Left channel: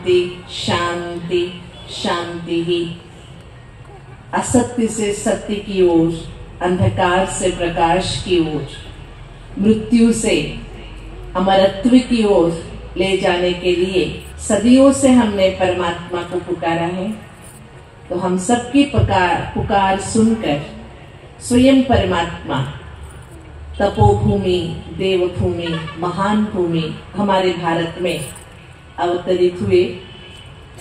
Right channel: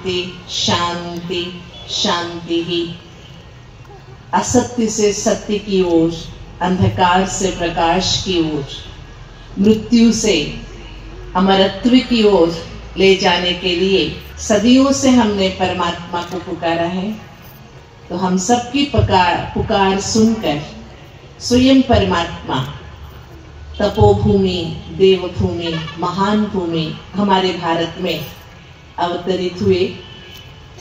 शांति शांति शांति ही। असत्य से सत्य की ओर, अंधकार से प्रकाश की ओर, मृत्यु से अमरत्व की ओर ले जाने के लिए सदियों से हमने परमात्मा को पुकारा है। तो हम सबकी पुकार सुनकर स्वयं परमात्मा तपोभूमि, देवभूमि, महान भूमि हमारे भारत में अवतरित हुए।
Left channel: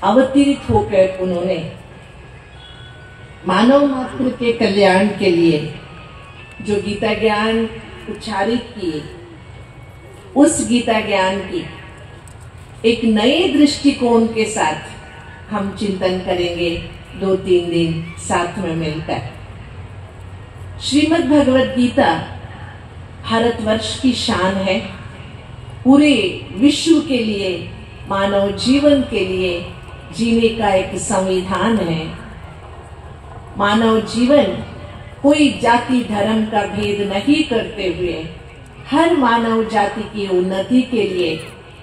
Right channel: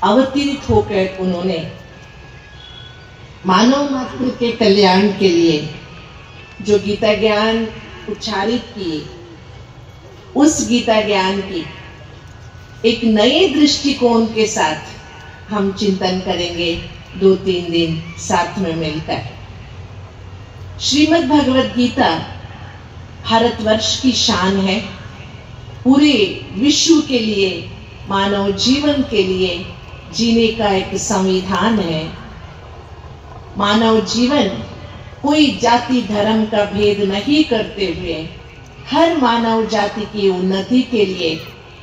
अवतरित होकर उन्होंने मानव मात्र के कल्याण के लिए जो गीता ज्ञान उच्चारित किए, उस गीता ज्ञान की एक नए दृष्टिकोण के साथ हम चिंतन करेंगे 2-3 दिन साथ में मिलकर। श्रीमद् भगवद गीता भारतवर्ष की शान है, पूरे विश्व के लिए, मानव जीवन के लिए जीने का एक संविधान है। मानव जीवन कोई जाति धर्म का भेद नहीं करते हुए हर मानव जाति की उन्नति के लिए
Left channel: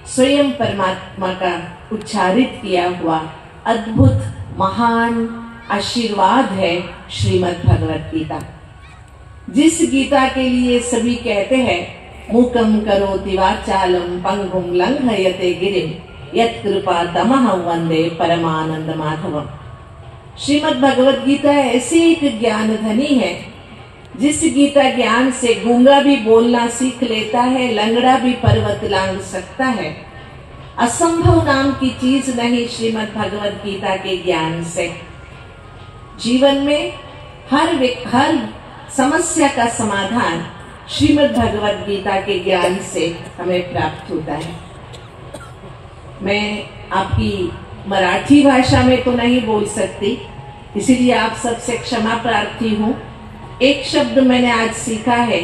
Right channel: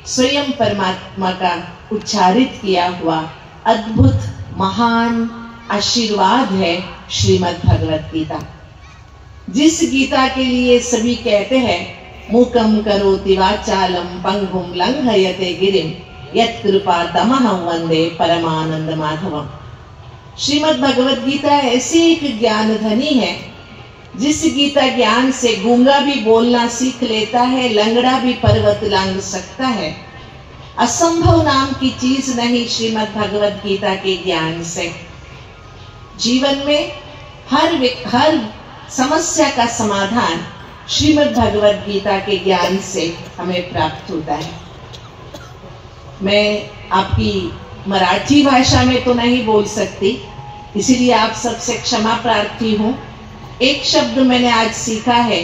स्वयं परमात्मा का उच्चारित किया हुआ अद्भुत महान आशीर्वाद है श्रीमद् भगवद गीता। जिस गीता के लिए सभी कहते हैं मूकं करोति वाचालं पंगुं लंघयते गिरिं यत्कृपा तमहं वंदे परमानंद माधवम। श्रीमद् भगवद गीता ऐसी एक ज्ञान धनी है जिस गीता ज्ञान से गूंगा भी बोलना सीख लेता है, लंगड़ा भी पर्वत लांघ सकता है। असंभव नाम की चीज नहीं श्रीमद् भगवद गीता के ज्ञान से। जीवन में हर समस्या का समाधान श्रीमद् भगवद गीता के ज्ञान से हमें प्राप्त होता है। मैं आपकी मराठी भाषा में तो नहीं बोल सकती, इसीलिए आप सबसे क्षमा प्रार्थी हूँ। एक शब्द मैंने आज सीखा है,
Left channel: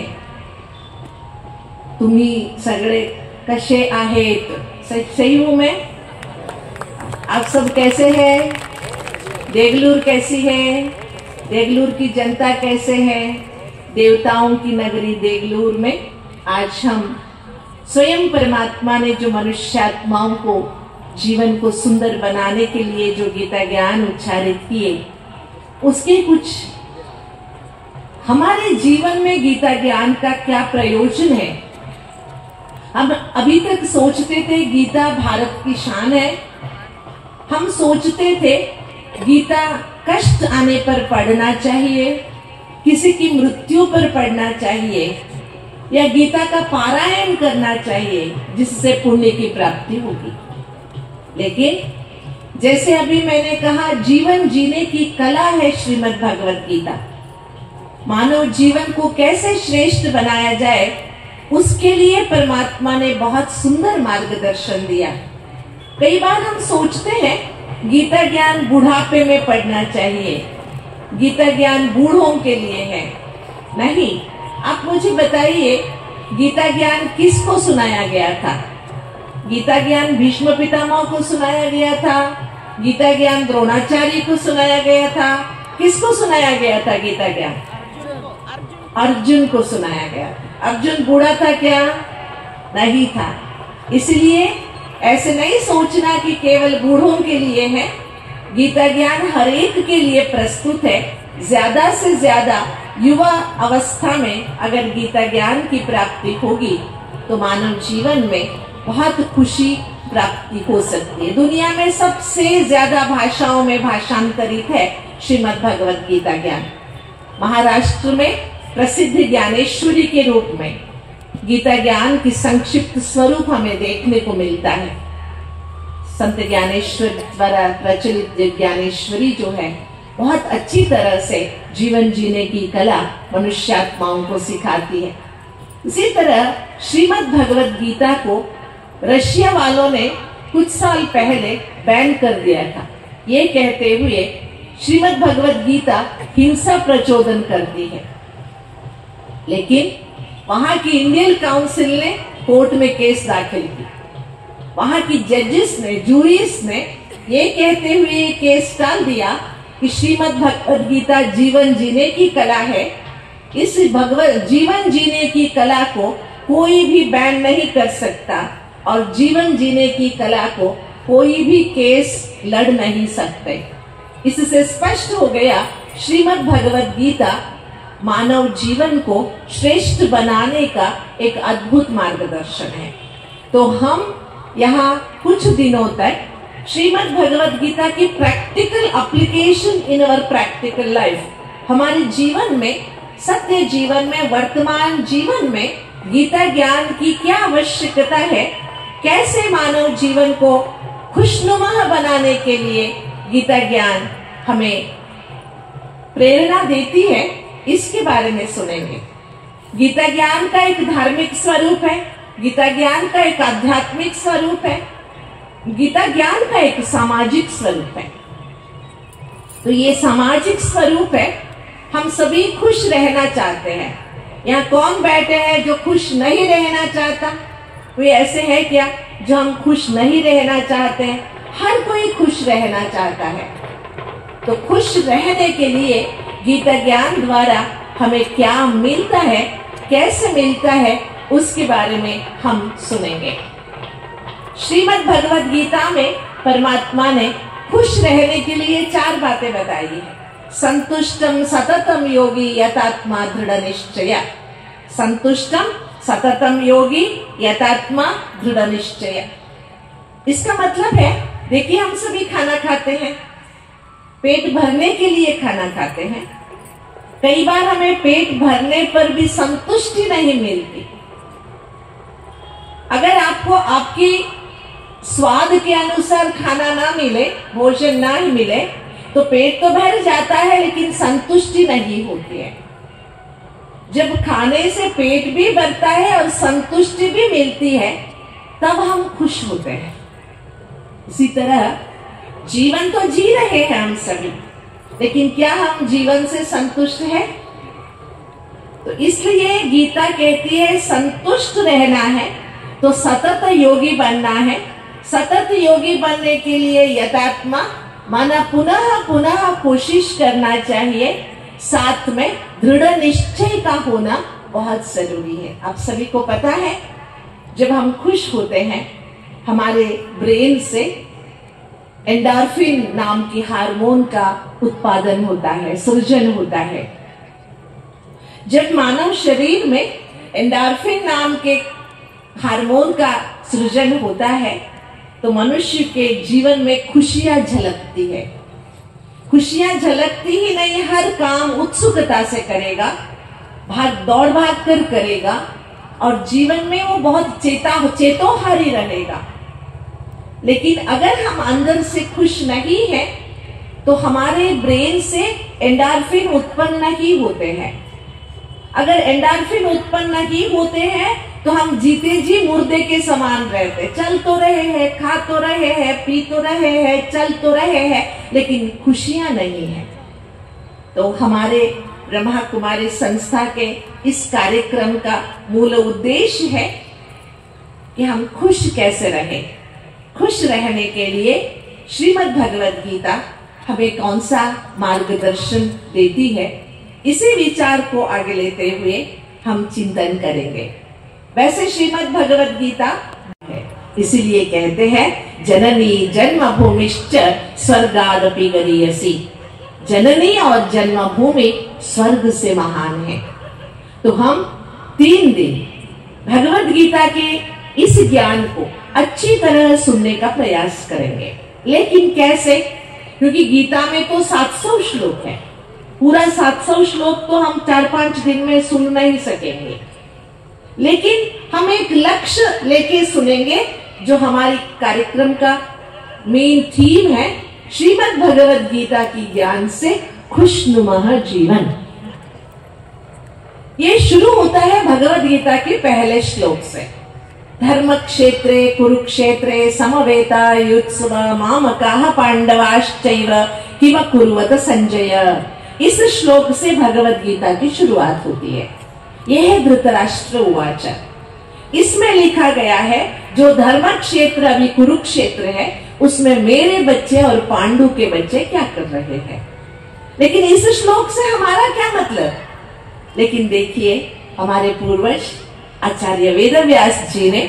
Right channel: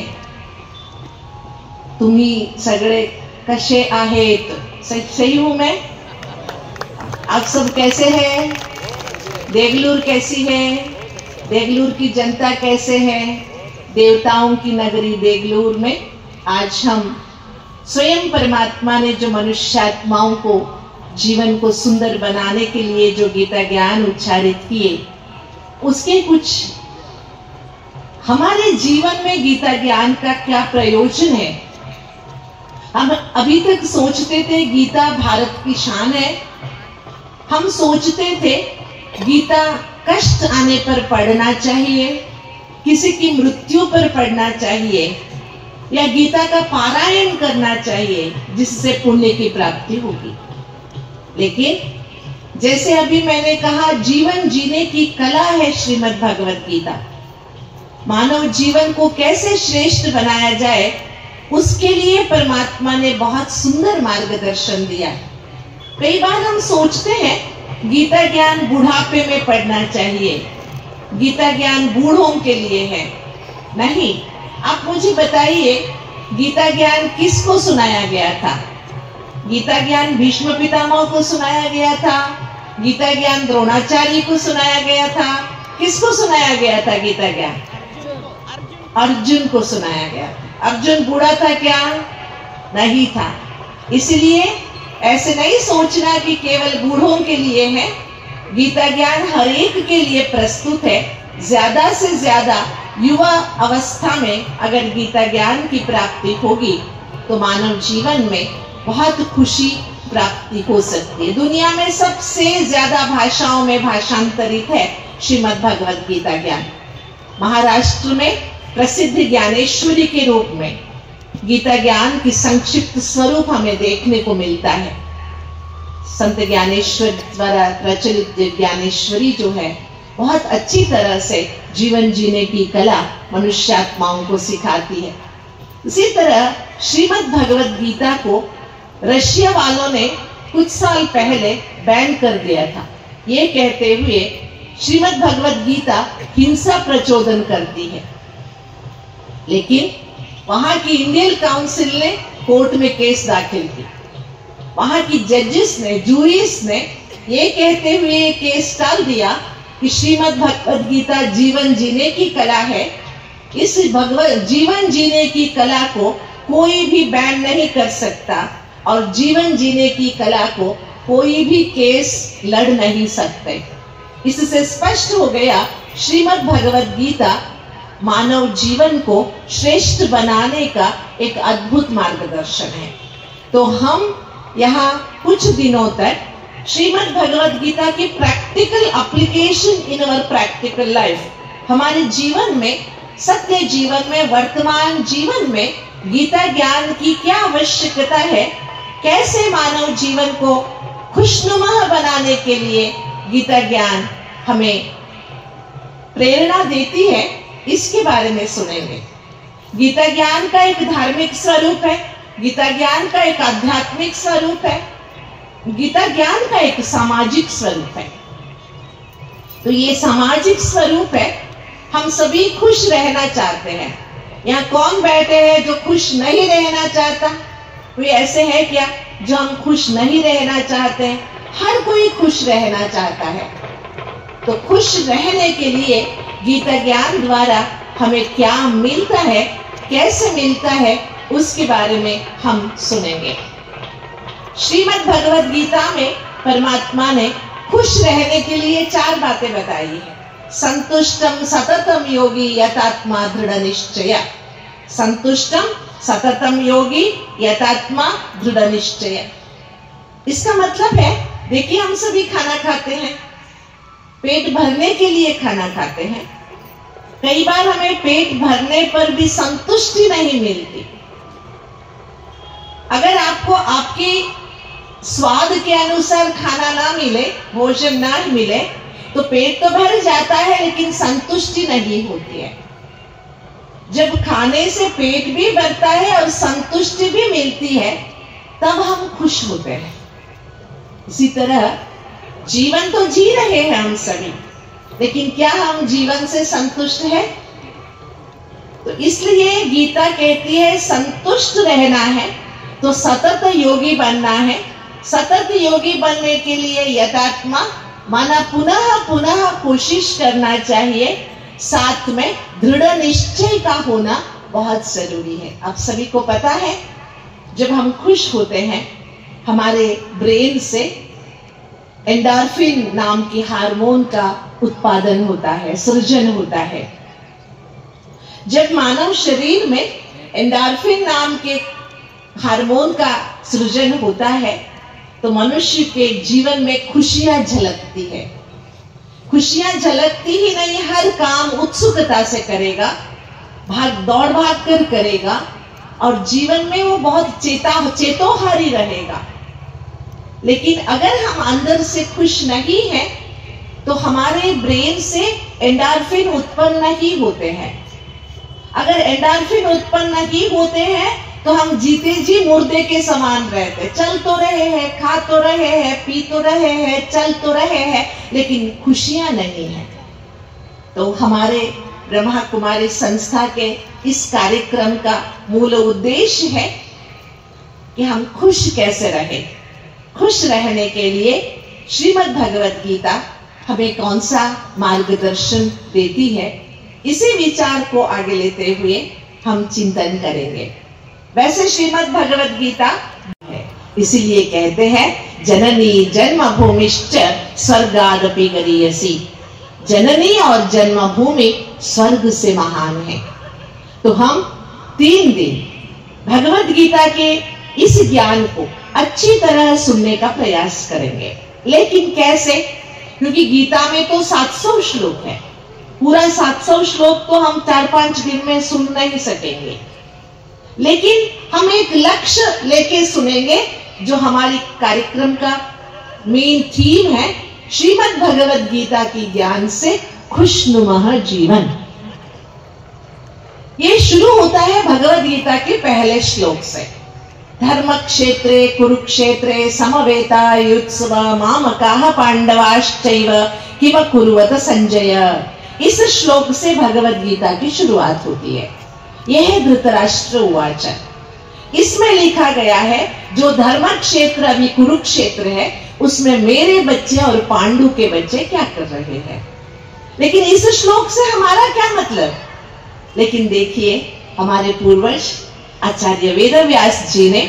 तुम्ही सगळे कसे आहेत। सही हूँ मैं? आप सब कैसे हैं? देगलूर कैसी है? देगलूर की जनता कैसे है? देवताओं की नगरी देगलूर में आज हम स्वयं परमात्मा ने जो मनुष्यात्माओं को जीवन को सुंदर बनाने के लिए जो गीता ज्ञान उच्चारित किए, उसके कुछ हमारे जीवन में गीता ज्ञान का क्या प्रयोजन है। हम अभी तक सोचते थे गीता भारत की शान है। हम सोचते थे गीता कष्ट आने पर पढ़ना चाहिए, किसी की मृत्यु पर पढ़ना चाहिए, या गीता का पारायण करना चाहिए जिससे पुण्य की प्राप्ति होगी। लेकिन जैसे अभी मैंने कहा, जीवन जीने की कला है श्रीमद् भगवद गीता। मानव जीवन को कैसे श्रेष्ठ बनाया जाए, उसके लिए परमात्मा ने बहुत सुंदर मार्गदर्शन दिया। कई बार हम सोचते हैं गीता ज्ञान बुढ़ापे में पढ़ना चाहिए, गीता ज्ञान बूढ़ों के लिए है। नहीं, आप मुझे बताइए गीता ज्ञान किसको सुनाया गया था? गीता ज्ञान भीष्म पितामह को सुनाया गया था, गीता ज्ञान द्रोणाचार्य को सुनाया गया था। किसको सुनाया गया था गीता ज्ञान? अर्जुन को सुनाया गया। अर्जुन बूढ़ा था क्या? नहीं था। इसलिए ऐसे नहीं सोचना कि केवल बूढ़ों के लिए है। गीता ज्ञान हर एक के लिए प्रस्तुत है। ज्यादा से ज्यादा युवा अवस्था में अगर गीता ज्ञान की प्राप्ति होगी तो मानव जीवन में बहुत खुशी प्राप्ति हो सकती है। दुनिया में सबसे ज्यादा भाषाओं में भाषांतरित है श्रीमद् भगवद गीता ज्ञान। महाराष्ट्र में प्रसिद्ध ज्ञानेश्वरी के रूप में गीता ज्ञान की संक्षिप्त स्वरूप हमें देखने को मिलता है। संत ज्ञानेश्वर द्वारा प्रचलित ज्ञानेश्वरी जो है, बहुत अच्छी तरह से जीवन जीने की कला मनुष्यात्माओं को सिखाती है। इसी तरह श्रीमद् भगवद गीता को रशिया वालों ने कुछ साल पहले बैन कर दिया था, ये कहते हुए श्रीमद् भगवद गीता हिंसा प्रचोदन करती है। लेकिन वहां की इंडियन काउंसिल ने कोर्ट में केस दाखिल की। वहां की जजेस ने, जूरीस ने ये कहते हुए ये केस टाल दिया कि श्रीमद् भगवद गीता जीवन जीने की कला है। इस जीवन जीने की कला को कोई भी बैन नहीं कर सकता और जीवन जीने की कला को कोई भी केस लड़ नहीं सकते। इससे स्पष्ट हो गया श्रीमद् भगवद गीता मानव जीवन को श्रेष्ठ बनाने का एक अद्भुत मार्गदर्शन है। तो हम यहाँ कुछ दिनों तक श्रीमद् भगवद गीता की practical application in our practical life, हमारे जीवन में, सत्य जीवन में, वर्तमान जीवन में गीता ज्ञान की क्या आवश्यकता है, कैसे मानव जीवन को खुशनुमा बनाने के लिए गीता ज्ञान हमें प्रेरणा देती है, इसके बारे में सुनेंगे। गीता ज्ञान का एक धार्मिक स्वरूप है, गीता ज्ञान का एक आध्यात्मिक स्वरूप है, गीता ज्ञान का एक सामाजिक स्वरूप है। तो ये सामाजिक स्वरूप है, हम सभी खुश रहना चाहते हैं। यहाँ कौन बैठे हैं जो खुश नहीं रहना चाहता? कोई ऐसे है क्या जो हम खुश नहीं रहना चाहते हैं? हर कोई खुश रहना चाहता है। तो खुश रहने के लिए गीता ज्ञान द्वारा हमें क्या मिलता है, कैसे मिलता है, उसके बारे में हम सुनेंगे। श्रीमद् भगवद गीता में परमात्मा ने खुश रहने के लिए 4 बातें बताई है। संतुष्टम सततम योगी यतात्मा दृढ़ निश्चय। संतुष्टम सततम योगी यतात्मा दृढ़ निश्चय। इसका मतलब है, देखिए हम सभी खाना खाते हैं, पेट भरने के लिए खाना खाते हैं। कई बार हमें पेट भरने पर भी संतुष्टि नहीं मिलती। अगर आपको आपकी स्वाद के अनुसार खाना ना मिले, भोजन ना मिले, तो पेट तो भर जाता है लेकिन संतुष्टि नहीं होती है। जब खाने से पेट भी भरता है और संतुष्टि भी मिलती है, तब हम खुश होते हैं। इसी तरह जीवन तो जी रहे हैं हम सभी, लेकिन क्या हम जीवन से संतुष्ट हैं? तो इसलिए गीता कहती है संतुष्ट रहना है तो सतत योगी बनना है। सतत योगी बनने के लिए यथात्मा माना पुनः पुनः कोशिश करना चाहिए, साथ में दृढ़ निश्चय का होना बहुत जरूरी है। आप सभी को पता है, जब हम खुश होते हैं हमारे ब्रेन से एंडोर्फिन नाम की हार्मोन का उत्पादन होता है, सृजन होता है। जब मानव शरीर में एंडोर्फिन नाम के हार्मोन का सृजन होता है तो मनुष्य के जीवन में खुशियां झलकती है। खुशियां झलकती ही नहीं, हर काम उत्सुकता से करेगा, दौड़ भाग कर करेगा और जीवन में वो बहुत चेतोहारी रहेगा। लेकिन अगर हम अंदर से खुश नहीं हैं तो हमारे ब्रेन से एंडोर्फिन उत्पन्न नहीं होते हैं। अगर एंडोर्फिन उत्पन्न नहीं होते हैं तो हम जीते जी मुर्दे के समान रहते, चल तो रहे हैं, खा तो रहे हैं, पी तो रहे हैं, चल तो रहे हैं, लेकिन खुशियां नहीं है। तो हमारे ब्रह्मा कुमारी संस्था के इस कार्यक्रम का मूल उद्देश्य है कि हम खुश कैसे रहें। खुश रहने के लिए श्रीमद् भगवद गीता हमें कौन सा मार्गदर्शन देती है, इसी विचार को आगे लेते हुए हम चिंतन करेंगे। वैसे श्रीमद् भगवद गीता है, इसीलिए कहते हैं जननी जन्मभूमिश्च स्वर्गादपि गरीयसी। जननी और जन्मभूमि स्वर्ग से महान है। तो हम 3 दिन भगवद गीता के इस ज्ञान को अच्छी तरह सुनने का प्रयास करेंगे। लेकिन कैसे? क्योंकि गीता में तो 700 श्लोक है, पूरा 700 श्लोक तो हम 4-5 दिन में सुन नहीं सकेंगे। लेकिन हम एक लक्ष्य लेके सुनेंगे, जो हमारी कार्यक्रम का मेन थीम है, श्रीमद् भगवद गीता की ज्ञान से खुशनुमा जीवन। ये शुरू होता है भगवद गीता के पहले श्लोक से। धर्म क्षेत्रे कुरुक्षेत्रे समवेता युत्सव मामकाः पांडवाश्चैव किम कुर्वत संजय। इस श्लोक से भगवद गीता की शुरुआत होती है। यह धृतराष्ट्र उवाच। इसमें लिखा गया है जो धर्म क्षेत्र अभी कुरुक्षेत्र है, उसमें मेरे बच्चे और पांडु के बच्चे क्या कर रहे हैं। लेकिन इस श्लोक से हमारा क्या मतलब? लेकिन देखिए, हमारे पूर्वज आचार्य वेदव्यास जी ने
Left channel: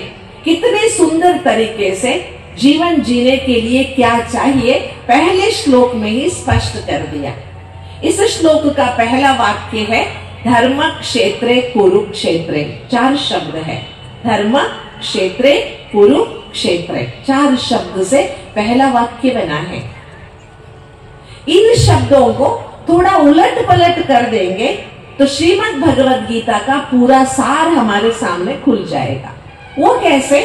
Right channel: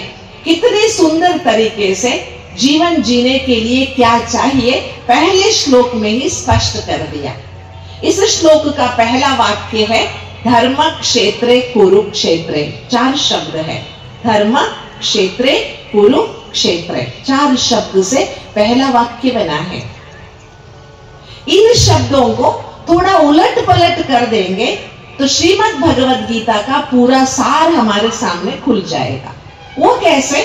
कितने सुंदर तरीके से जीवन जीने के लिए क्या चाहिए पहले श्लोक में ही स्पष्ट कर दिया। इस श्लोक का पहला वाक्य है धर्म क्षेत्रे कुरुक्षेत्रे, 4 शब्द है। धर्म क्षेत्रे कुरुक्षेत्रे, 4 शब्द से पहला वाक्य बना है। इन शब्दों को थोड़ा उलट पलट कर देंगे तो श्रीमद् भगवद गीता का पूरा सार हमारे सामने खुल जाएगा। वो कैसे?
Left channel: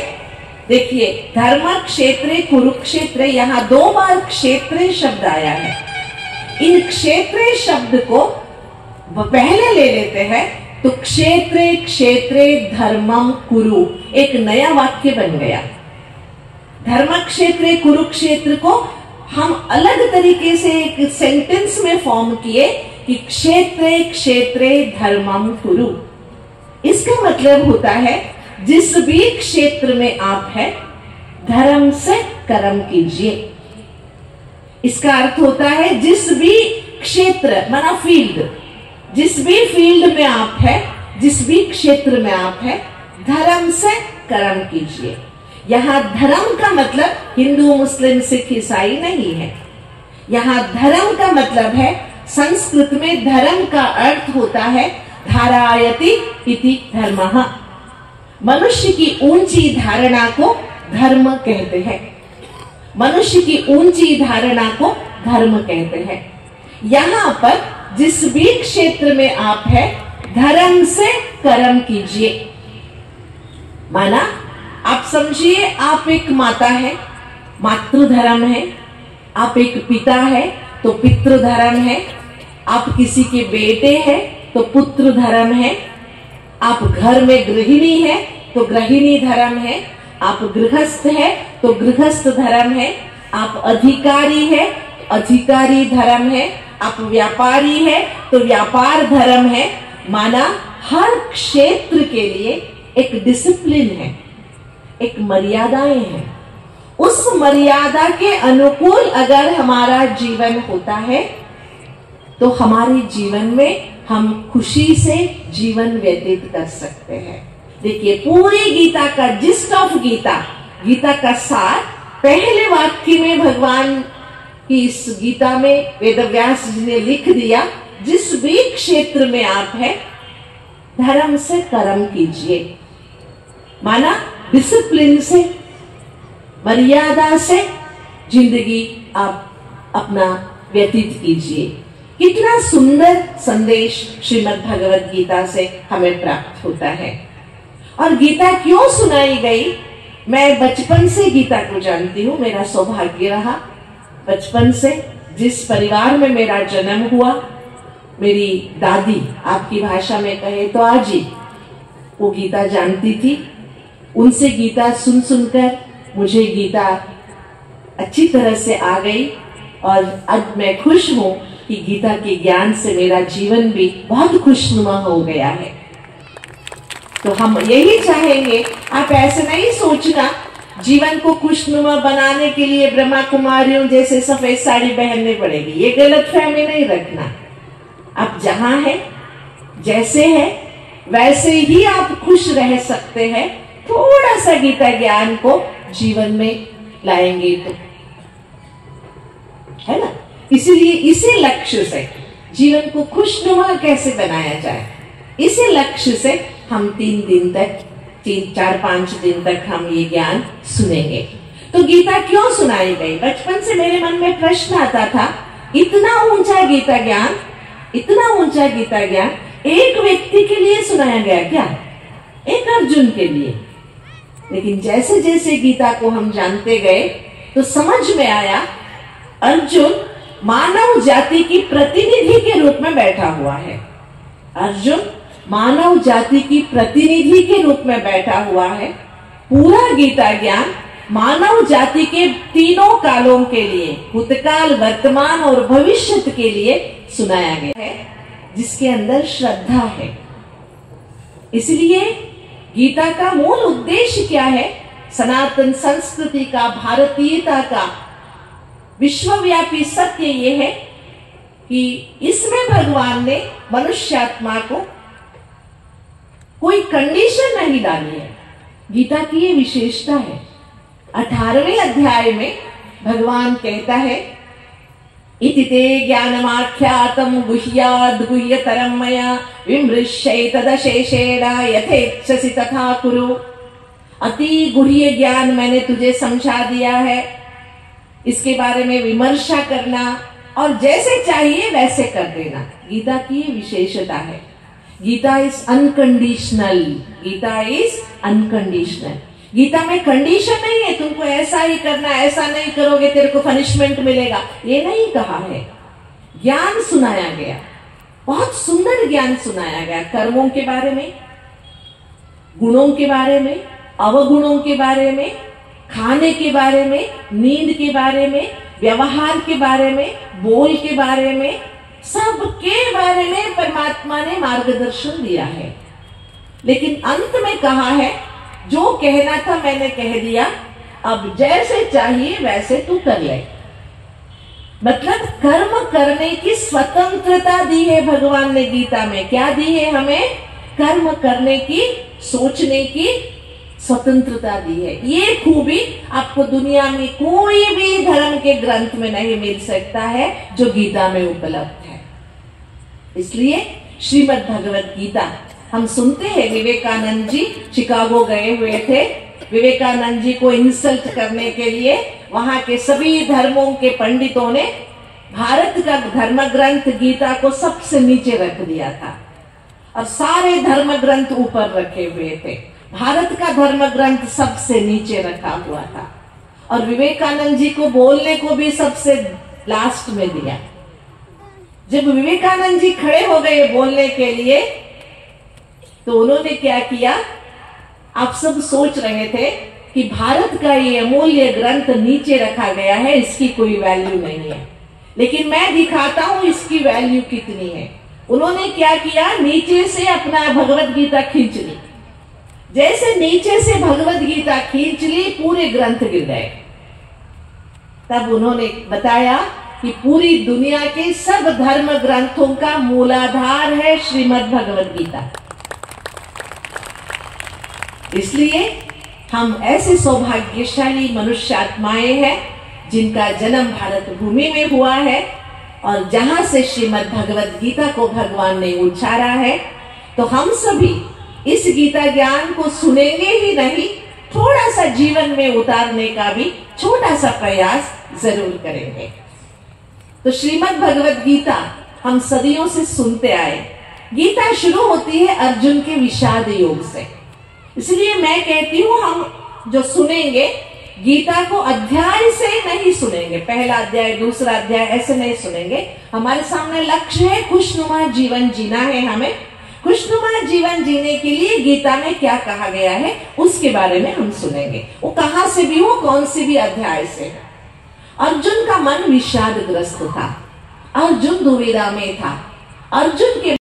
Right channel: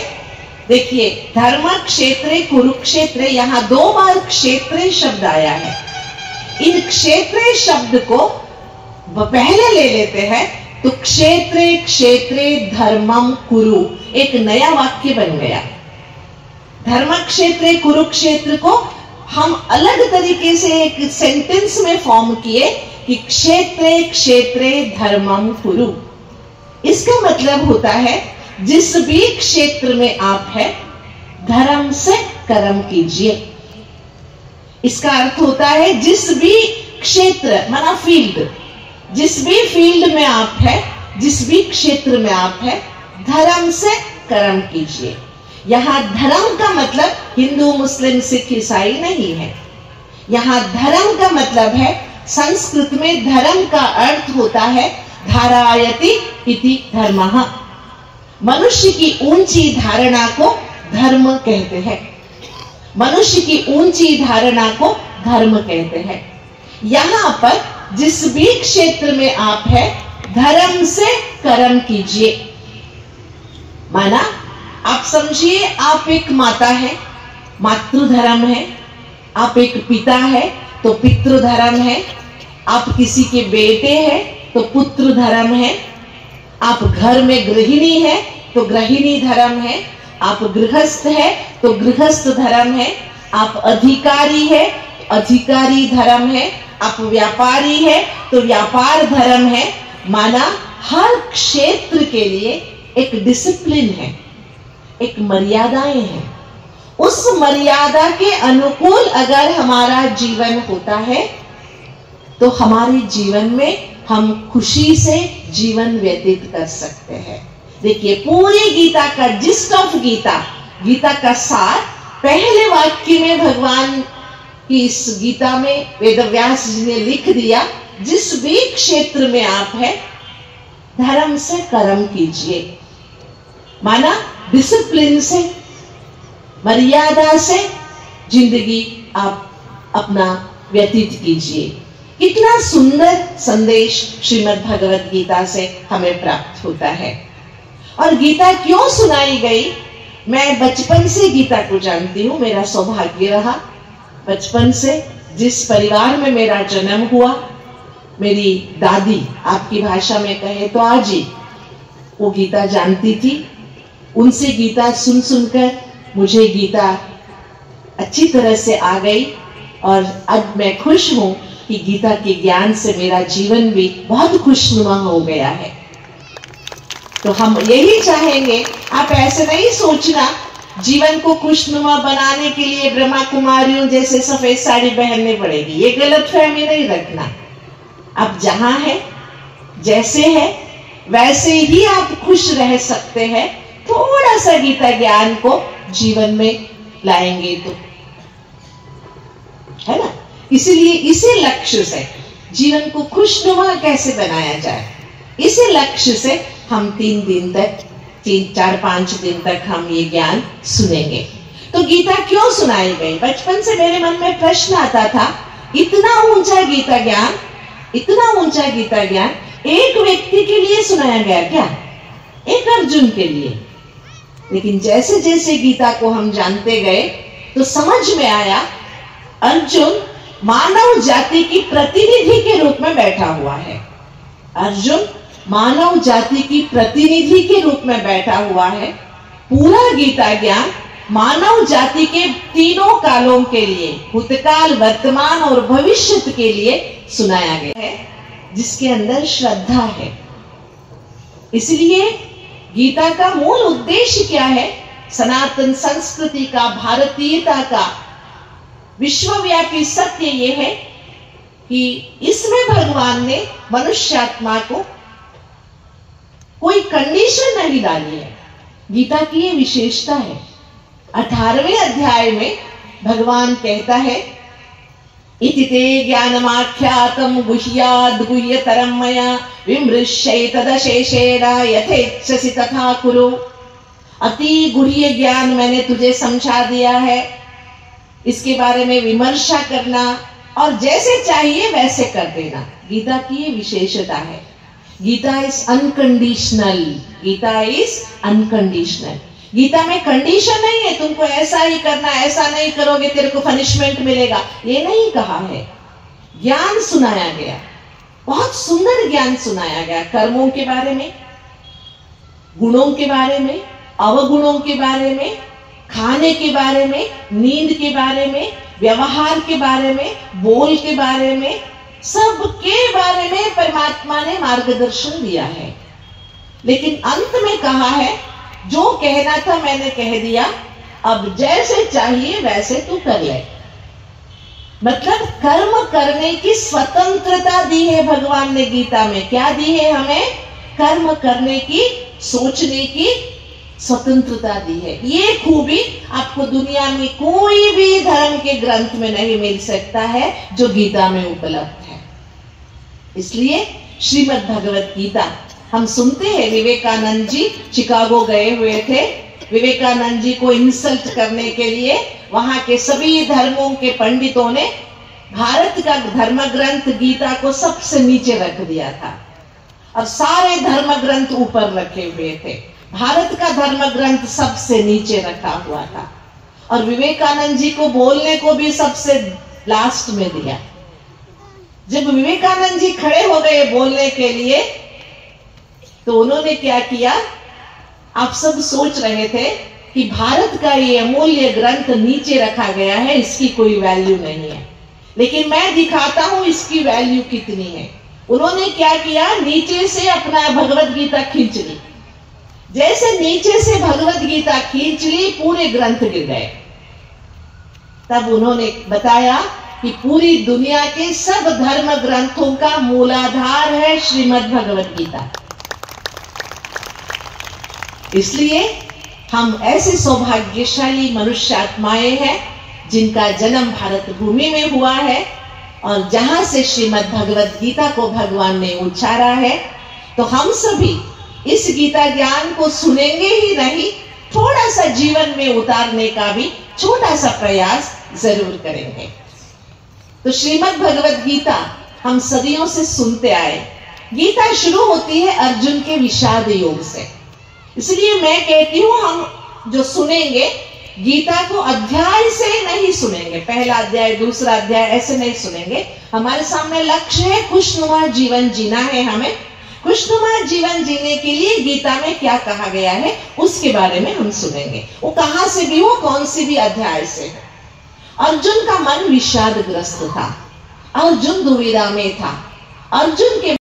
देखिए, धर्म क्षेत्रे कुरुक्षेत्रे, यहाँ 2 बार क्षेत्रे शब्द आया है। इन क्षेत्रे शब्द को पहले ले लेते हैं तो क्षेत्रे क्षेत्रे धर्मम कुरु, एक नया वाक्य बन गया। धर्म क्षेत्रे कुरुक्षेत्र को हम अलग तरीके से एक सेंटेंस में फॉर्म किए कि क्षेत्रे क्षेत्रे धर्मम कुरु। इसका मतलब होता है जिस भी क्षेत्र में आप हैं धर्म से कर्म कीजिए। इसका अर्थ होता है जिस भी क्षेत्र माना फील्ड, जिस भी फील्ड में आप हैं, जिस भी क्षेत्र में आप हैं, धर्म से कर्म कीजिए। यहाँ धर्म का मतलब हिंदू मुस्लिम सिख ईसाई नहीं है। यहाँ धर्म का मतलब है, संस्कृत में धर्म का अर्थ होता है धारायति इति धर्मः। मनुष्य की ऊंची धारणा को धर्म कहते हैं। मनुष्य की ऊंची धारणा को धर्म कहते हैं। यहाँ पर जिस भी क्षेत्र में आप हैं धर्म से कर्म कीजिए। माना आप समझिए, आप एक माता है, मातृधर्म है। आप एक पिता है तो पितृधर्म है। आप किसी के बेटे हैं तो पुत्र धर्म है। आप घर में गृहिणी है तो गृहिणी धर्म है। आप गृहस्थ है तो गृहस्थ धर्म है। आप अधिकारी है अधिकारी धर्म है। आप व्यापारी है तो व्यापार धर्म है। माना हर क्षेत्र के लिए एक डिसिप्लिन है, एक मर्यादाएं हैं। उस मर्यादा के अनुकूल अगर हमारा जीवन होता है तो हमारे जीवन में हम खुशी से जीवन व्यतीत कर सकते हैं। देखिए, पूरी गीता का जिस्ट ऑफ गीता, गीता का सार पहले वाक्य में भगवान की इस गीता में वेदव्यास जी ने लिख दिया। जिस भी क्षेत्र में आप हैं धर्म से कर्म कीजिए। माना डिसिप्लिन से, मर्यादा से जिंदगी आप अपना व्यतीत कीजिए। कितना सुंदर संदेश श्रीमद् भगवद गीता से हमें प्राप्त होता है। और गीता क्यों सुनाई गई? मैं बचपन से गीता को जानती हूँ। मेरा सौभाग्य रहा बचपन से, जिस परिवार में मेरा जन्म हुआ, मेरी दादी, आपकी भाषा में कहे तो आजी, वो गीता जानती थी। उनसे गीता सुन सुनकर मुझे गीता अच्छी तरह से आ गई। और अब मैं खुश हूँ कि गीता के ज्ञान से मेरा जीवन भी बहुत खुशनुमा हो गया है। तो हम यही चाहेंगे, आप ऐसे नहीं सोचना जीवन को खुशनुमा बनाने के लिए ब्रह्मा कुमारियों जैसे सफेद साड़ी पहननी पड़ेगी। ये गलतफहमी नहीं रखना। आप जहां हैं, जैसे हैं, वैसे ही आप खुश रह सकते हैं। थोड़ा सा गीता ज्ञान को जीवन में लाएंगे तो, है ना। इसीलिए इसी लक्ष्य से जीवन को खुशनुमा कैसे बनाया जाए, इसी लक्ष्य से हम 3 दिन तक, 4-5 दिन तक हम ये ज्ञान सुनेंगे। तो गीता क्यों सुनाई गई? बचपन से मेरे मन में प्रश्न आता था, इतना ऊंचा गीता ज्ञान, इतना ऊंचा गीता ज्ञान एक व्यक्ति के लिए सुनाया गया क्या? एक अर्जुन के लिए। लेकिन जैसे जैसे गीता को हम जानते गए तो समझ में आया, अर्जुन मानव जाति की प्रतिनिधि के रूप में बैठा हुआ है। अर्जुन मानव जाति की प्रतिनिधि के रूप में बैठा हुआ है। पूरा गीता ज्ञान मानव जाति के तीनों कालों के लिए, भूतकाल, वर्तमान और भविष्य के लिए सुनाया गया है, जिसके अंदर श्रद्धा है। इसलिए गीता का मूल उद्देश्य क्या है? सनातन संस्कृति का, भारतीयता का विश्वव्यापी सत्य ये है कि इसमें भगवान ने मनुष्यात्मा को कोई कंडीशन नहीं डाली है। गीता की ये विशेषता है। 18वें अध्याय में भगवान कहता है, इति ते ज्ञानमाख्यातं गुह्याद् गुह्यतरं मया विमृश्यैतदशेषेण यथेच्छसि तथा कुरु। अति गुह्य ज्ञान मैंने तुझे समझा दिया है, इसके बारे में विमर्शा करना और जैसे चाहिए वैसे कर देना। गीता की ये विशेषता है। Gita is unconditional. Gita is unconditional. Gita में कंडीशन नहीं है, तुमको ऐसा ही करना, ऐसा नहीं करोगे तेरे को पनिशमेंट मिलेगा, ये नहीं कहा है। ज्ञान सुनाया गया, बहुत सुंदर ज्ञान सुनाया गया, कर्मों के बारे में, गुणों के बारे में, अवगुणों के बारे में, खाने के बारे में, नींद के बारे में, व्यवहार के बारे में, बोल के बारे में, सब के बारे में परमात्मा ने मार्गदर्शन दिया है। लेकिन अंत में कहा है, जो कहना था मैंने कह दिया, अब जैसे चाहिए वैसे तू कर ले। मतलब कर्म करने की स्वतंत्रता दी है भगवान ने गीता में। क्या दी है हमें? कर्म करने की, सोचने की स्वतंत्रता दी है। ये खूबी आपको दुनिया में कोई भी धर्म के ग्रंथ में नहीं मिल सकता है जो गीता में उपलब्ध है। इसलिए श्रीमद् भगवत गीता हम सुनते हैं। विवेकानंद जी शिकागो गए हुए थे, विवेकानंद जी को इंसल्ट करने के लिए वहां के सभी धर्मों के पंडितों ने भारत का धर्म ग्रंथ गीता को सबसे नीचे रख दिया था और सारे धर्म ग्रंथ ऊपर रखे हुए थे। भारत का धर्म ग्रंथ सबसे नीचे रखा हुआ था और विवेकानंद जी को बोलने को भी सबसे लास्ट में दिया। जब विवेकानंद जी खड़े हो गए बोलने के लिए तो उन्होंने क्या किया? आप सब सोच रहे थे कि भारत का ये अमूल्य ग्रंथ नीचे रखा गया है, इसकी कोई वैल्यू नहीं है, लेकिन मैं दिखाता हूं इसकी वैल्यू कितनी है। उन्होंने क्या किया? नीचे से अपना भगवत गीता खींच ली। जैसे नीचे से भगवत गीता खींच ली, पूरे ग्रंथ गिर गए। तब उन्होंने बताया कि पूरी दुनिया के सब धर्म ग्रंथों का मूलाधार है श्रीमद् भगवत गीता। इसलिए हम ऐसे सौभाग्यशाली मनुष्य आत्माएं हैं जिनका जन्म भारत भूमि में हुआ है और जहां से श्रीमद् भगवत गीता को भगवान ने उच्चारा है। तो हम सभी इस गीता ज्ञान को सुनेंगे ही नहीं, थोड़ा सा जीवन में उतारने का भी छोटा सा प्रयास जरूर करेंगे। तो श्रीमद् भगवत गीता हम सदियों से सुनते आए। गीता शुरू होती है अर्जुन के विषाद योग से। इसलिए मैं कहती हूं, हम जो सुनेंगे गीता को अध्याय से नहीं सुनेंगे, पहला अध्याय दूसरा अध्याय ऐसे नहीं सुनेंगे। हमारे सामने लक्ष्य है खुशनुमा जीवन जीना है। हमें खुशनुमा जीवन जीने के लिए गीता में क्या कहा गया है उसके बारे में हम सुनेंगे। वो कहां से भी हो, कौन सी भी अध्याय से। अर्जुन का मन विषादग्रस्त था, अर्जुन दुविधा में था। अर्जुन के